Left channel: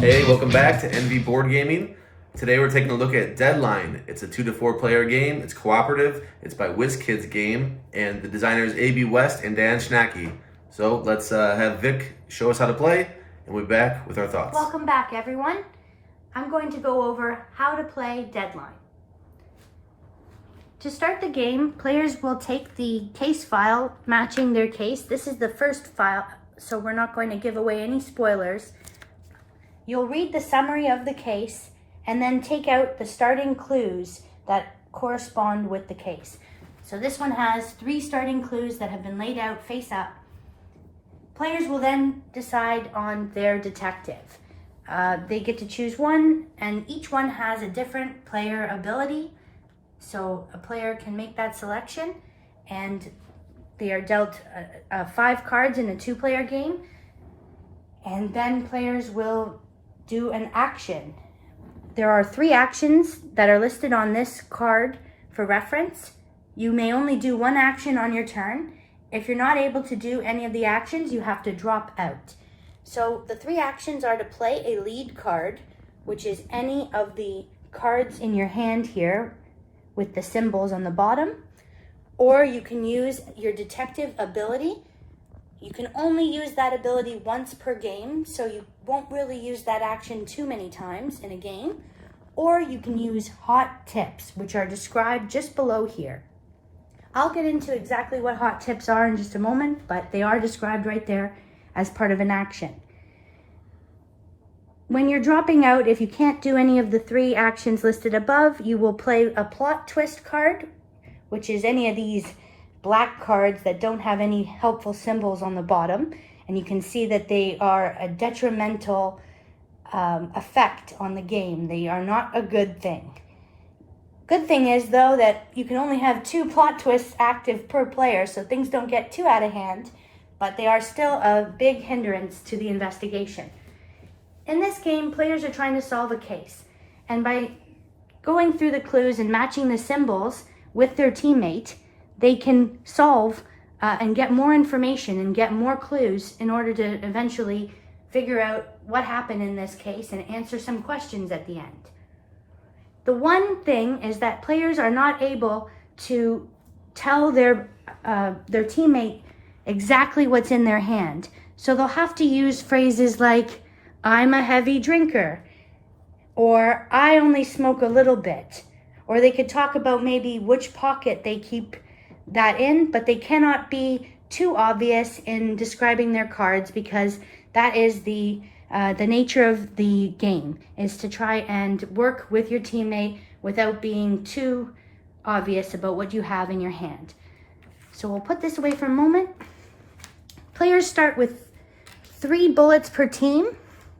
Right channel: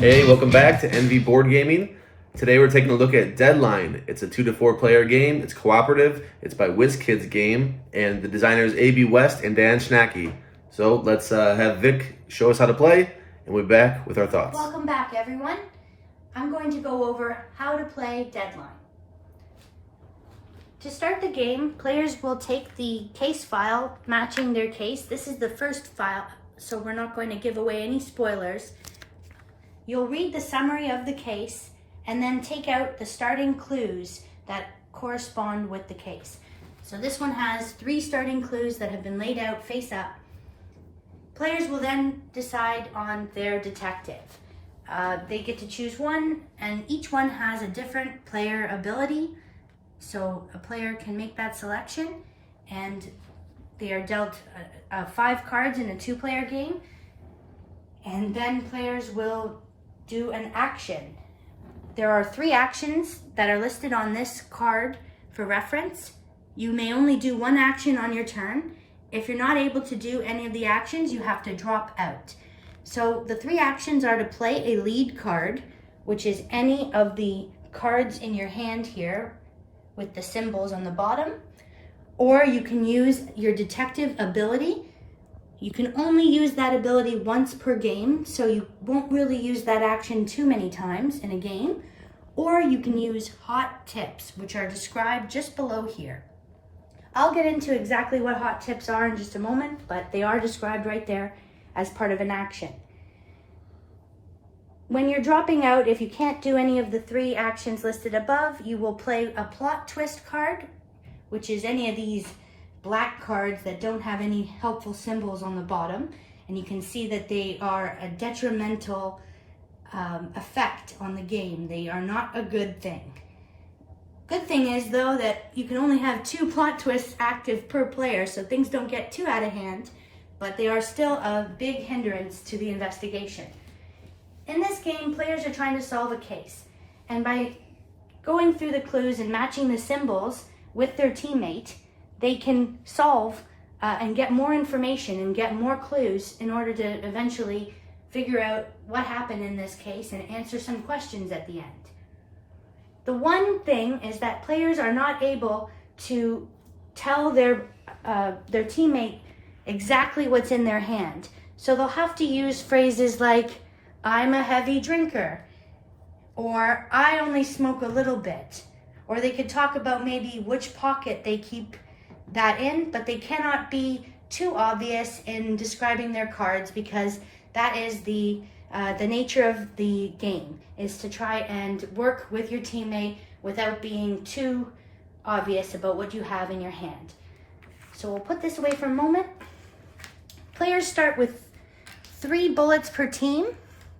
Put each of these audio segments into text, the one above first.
Hey, welcome back to NV Board Gaming. Today we're taking a look at Deadline. It's a 2 to 4 player game. It's cooperative. It's by WizKids Game, and the designers AB West and Dan Schnacky. So let's have Vic show us how to play, and we'll be back with our thoughts. Welcome back, everyone. I'm going to go over how to play Deadline. To start the game, players will take the case file matching their case. This is the first file, so we're not going to give away any spoilers. You'll read the summary of the case and then take out the starting clues that correspond with the case. So this one has 3 starting clues that have been laid out face up. Players will then decide on their detective. They get to choose one, and each one has a different player ability. So a player can make that selection, and they are dealt 5 cards in a 2-player game. And then players will do an action. There are 3 actions that are listed on this card for reference. You may only do 1 action on your turn. If you're not able to do any of the actions, you have to drop out. So the 3 actions are to play a lead card, which is any of the cards in your hand here with the symbols on the bottom, or you can use your detective ability. You can only use that ability once per game, so you won't really use that action too many times in a game. Or you can use hot tips, which are described just below here. I'll get into exactly what hot tips are in just a moment, but they are described right there as part of an action. When you're dropping out, if you can't do any of the 3 actions listed above, you will play a plot twist card, which is any of these black cards that don't have any helpful symbols on the bottom, and you can see that they are a detrimental effect on the game. They are not a good thing. Good thing is, though, that you can only have 2 plot twists active per player, so things don't get too out of hand, but they are still a big hindrance to the investigation. In this game, players are trying to solve a case, and by going through the clues and matching the symbols with their teammate, they can solve and get more information and get more clues in order to eventually figure out what happened in this case and answer some questions at the end. The one thing is that players are not able to tell their teammate exactly what's in their hand. So they'll have to use phrases like, "I'm a heavy drinker," or "I only smoke a little bit." Or they could talk about maybe which pocket they keep that in, but they cannot be too obvious in describing their cards, because that is the nature of the game, is to try and work with your teammate without being too obvious about what you have in your hand. So we'll put this away for a moment. Players start with 3 bullets per team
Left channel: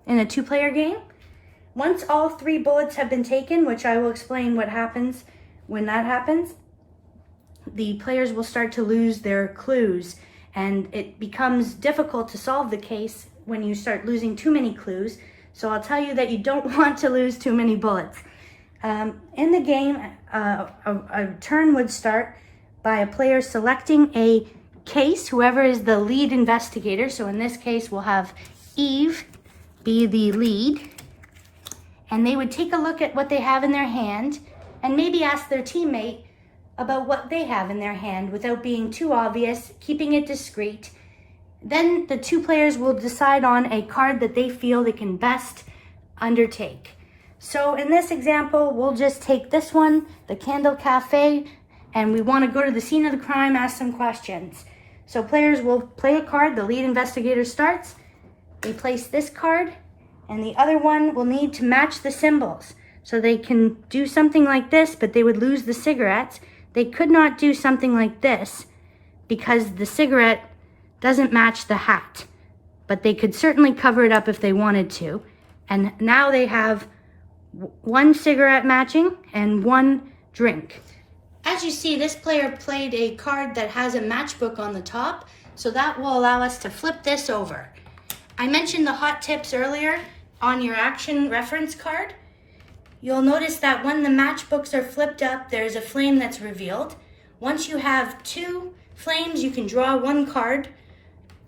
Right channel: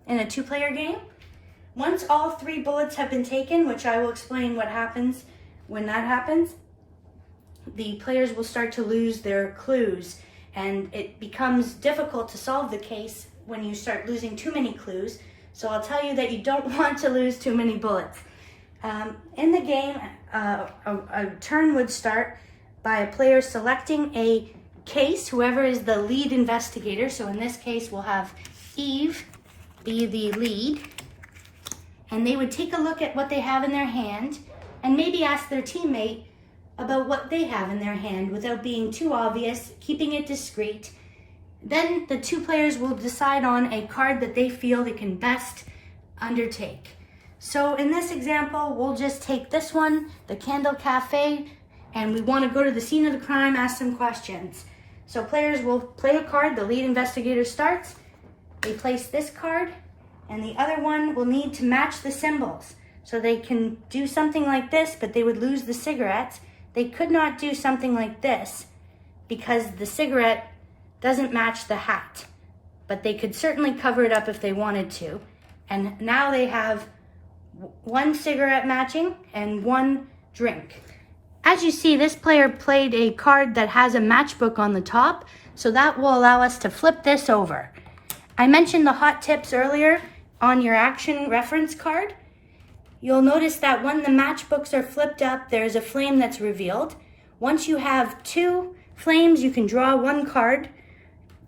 in a 2-player game. Once all 3 bullets have been taken, which I will explain what happens when that happens, the players will start to lose their clues, and it becomes difficult to solve the case when you start losing too many clues. So I'll tell you that you don't want to lose too many bullets. In the game, a turn would start by a player selecting a case, whoever is the lead investigator. So in this case, we'll have Eve be the lead, and they would take a look at what they have in their hand and maybe ask their teammate about what they have in their hand without being too obvious, keeping it discreet. Then the 2 players will decide on a card that they feel they can best undertake. So in this example, we'll just take this one, the Candle Cafe, and we want to go to the scene of the crime, ask some questions. So players will play a card, the lead investigator starts, they place this card, and the other one will need to match the symbols. So they can do something like this, but they would lose the cigarettes. They could not do something like this because the cigarette doesn't match the hat, but they could certainly cover it up if they wanted to. And now they have 1 cigarette matching and 1 drink. As you see, this player played a card that has a matchbook on the top, so that will allow us to flip this over. I mentioned the hot tips earlier on your action reference card. You'll notice that when the matchbooks are flipped up, there's a flame that's revealed. Once you have 2 flames, you can draw 1 card.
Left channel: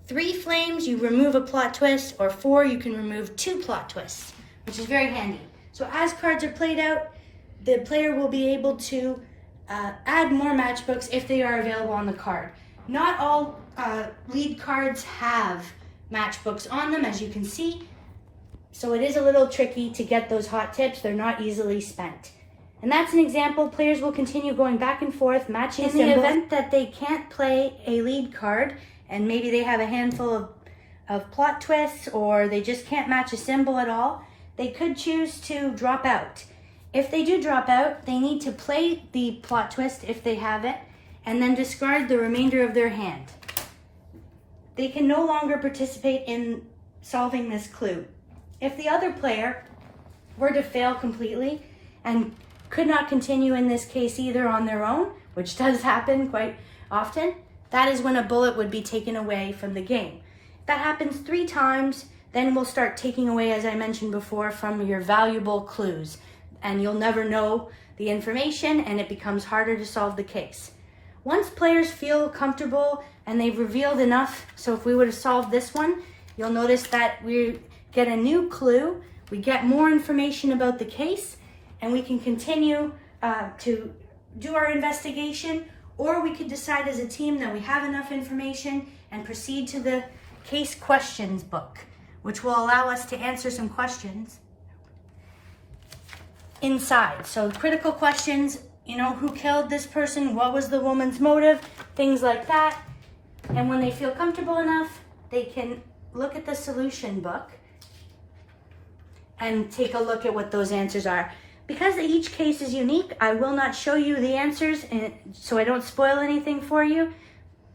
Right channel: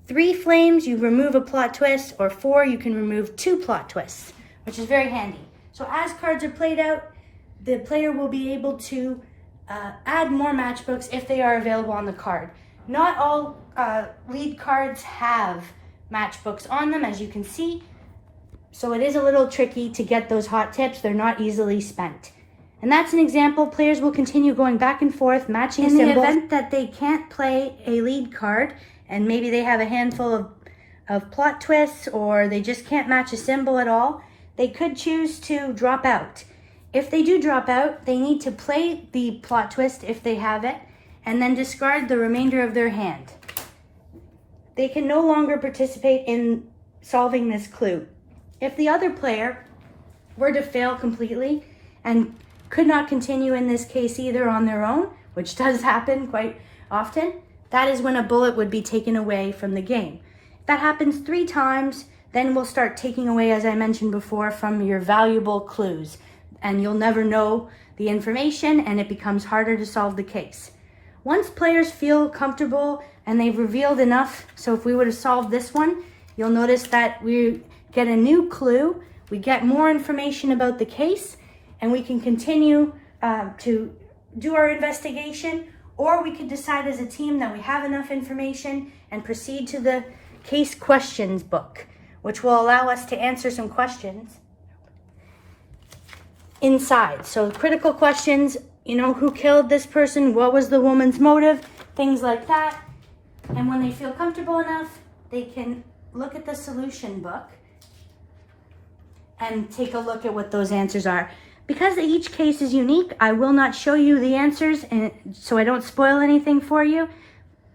3 flames, you remove a plot twist, or 4, you can remove 2 plot twists. which is very handy. So as cards are played out, the player will be able to add more matchbooks if they are available on the card. Not all lead cards have matchbooks on them, as you can see. So it is a little tricky to get those hot tips. They're not easily spent. And that's an example. Players will continue going back and forth, matching in the event that they can't play a lead card, and maybe they have a handful of plot twists, or they just can't match a symbol at all. They could choose to drop out. If they do drop out, they need to play the plot twist if they have it, and then discard the remainder of their hand. They can no longer participate in solving this clue. If the other player were to fail completely and could not continue in this case either on their own, which does happen quite often, that is when a bullet would be taken away from the game. If that happens 3 times, then we'll start taking away, as I mentioned before, from your valuable clues. And you'll never know the information, and it becomes harder to solve the case. Once players feel comfortable and they've revealed enough, so if we would have solved this one, you'll notice that we get a new clue, we get more information about the case, and we can continue to do our investigation, or we could decide as a team that we have enough information and proceed to the case questions book, which will allow us to answer some questions inside. So critical questions, who killed this person, what was the woman's motive, things like that. And when they feel comfortable enough, they can look at the solution book and take a look at what those answers are. Because each case is unique, I will not show you the answers so I don't spoil anything for you,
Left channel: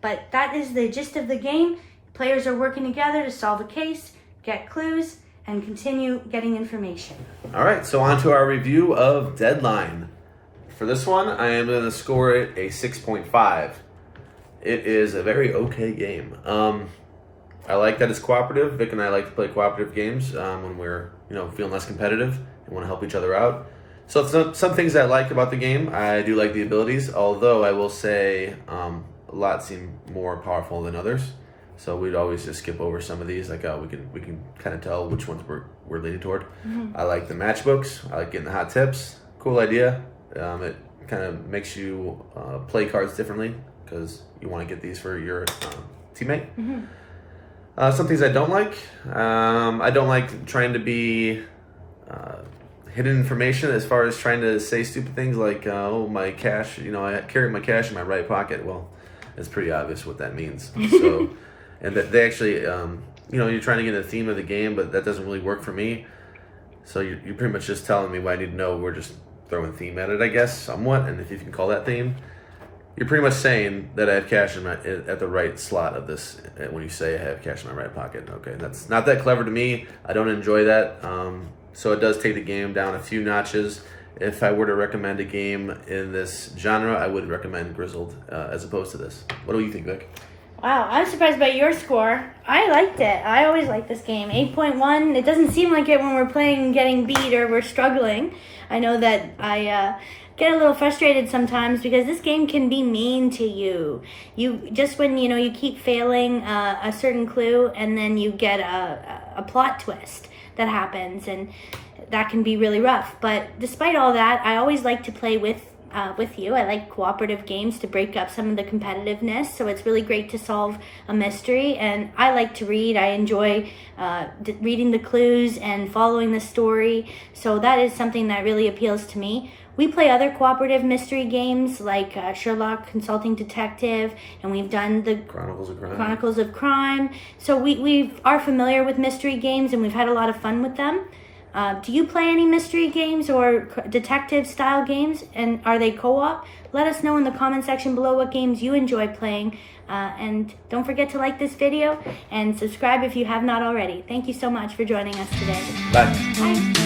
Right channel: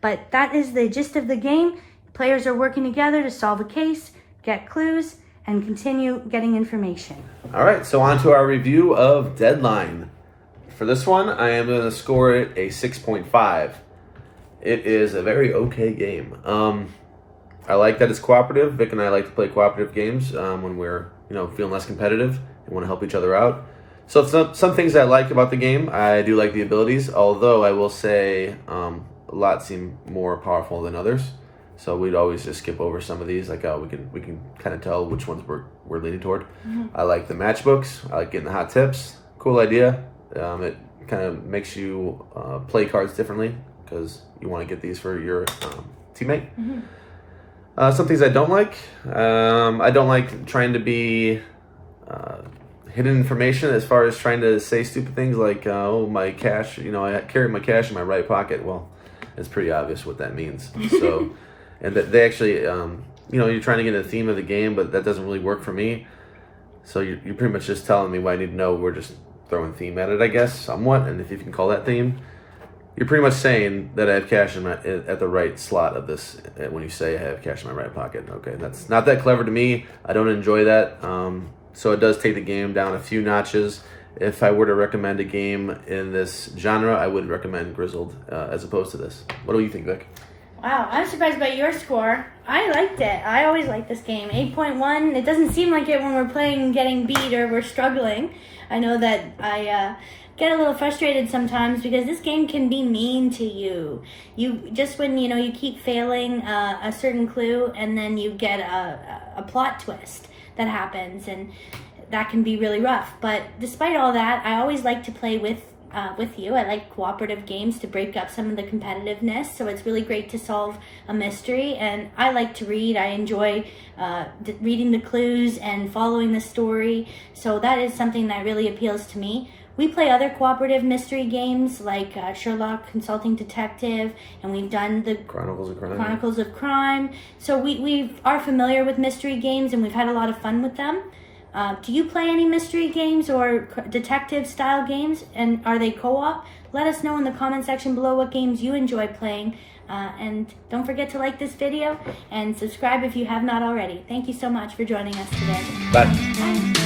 but that is the gist of the game. Players are working together to solve a case, get clues, and continue getting information. All right, so on to our review of Deadline. For this one, I am going to score it a 6.5. It is a very okay game. I like that it's cooperative. Vic and I like to play cooperative games when we're feeling less competitive and want to help each other out. So some things I like about the game. I do like the abilities, although I will say a lot seem more powerful than others. So we'd always just skip over some of these. Like, we can kind of tell which ones we're leaning toward. Mm-hmm. I like the matchbooks. I like getting the hot tips. Cool idea. It kind of makes you play cards differently because you want to get these for your teammate. Mm-hmm. Some things I don't like. I don't like trying to be hidden information as far as trying to say stupid things like, my cash, I carry my cash in my right pocket. Well, it's pretty obvious what that means. So, and that they actually, you're trying to get a theme of the game, but that doesn't really work for me. So you're pretty much just telling me what I need to know. We're just throwing theme at it, I guess, somewhat. And if you can call that theme, you're pretty much saying that I have cash at the right slot of this when you say I have cash in my right pocket. Okay, that's not that clever to me. I don't enjoy that. So it does take the game down a few notches. If I were to recommend a game in this genre, I would recommend Grizzled as opposed to this. What do you think, Vic? Wow, I'm surprised by your score. I liked it. I always like this game. 8.1. It doesn't seem like it when we're playing getting beat or we're struggling. I know that I get a little frustrated sometimes because this game can be mean to you. You just when you keep failing a certain clue and then you get a plot twist that happens, and that can be really rough. But despite all that, I always like to play with you. I like cooperative games to break up some of the competitiveness, so it's really great to solve a mystery. And I like to read. I enjoy reading the clues and following the story, so that is something that really appeals to me. We play other cooperative mystery games like Sherlock Consulting Detective, and we've done the Chronicles of Crime. So we are familiar with mystery games, and we've had a lot of fun with them. Do you play any mystery games or detective style games, and are they co-op? Let us know in the comment section below what games you enjoy playing. And don't forget to like this video and subscribe if you have not already. Thank you so much for joining us today. Bye. Bye.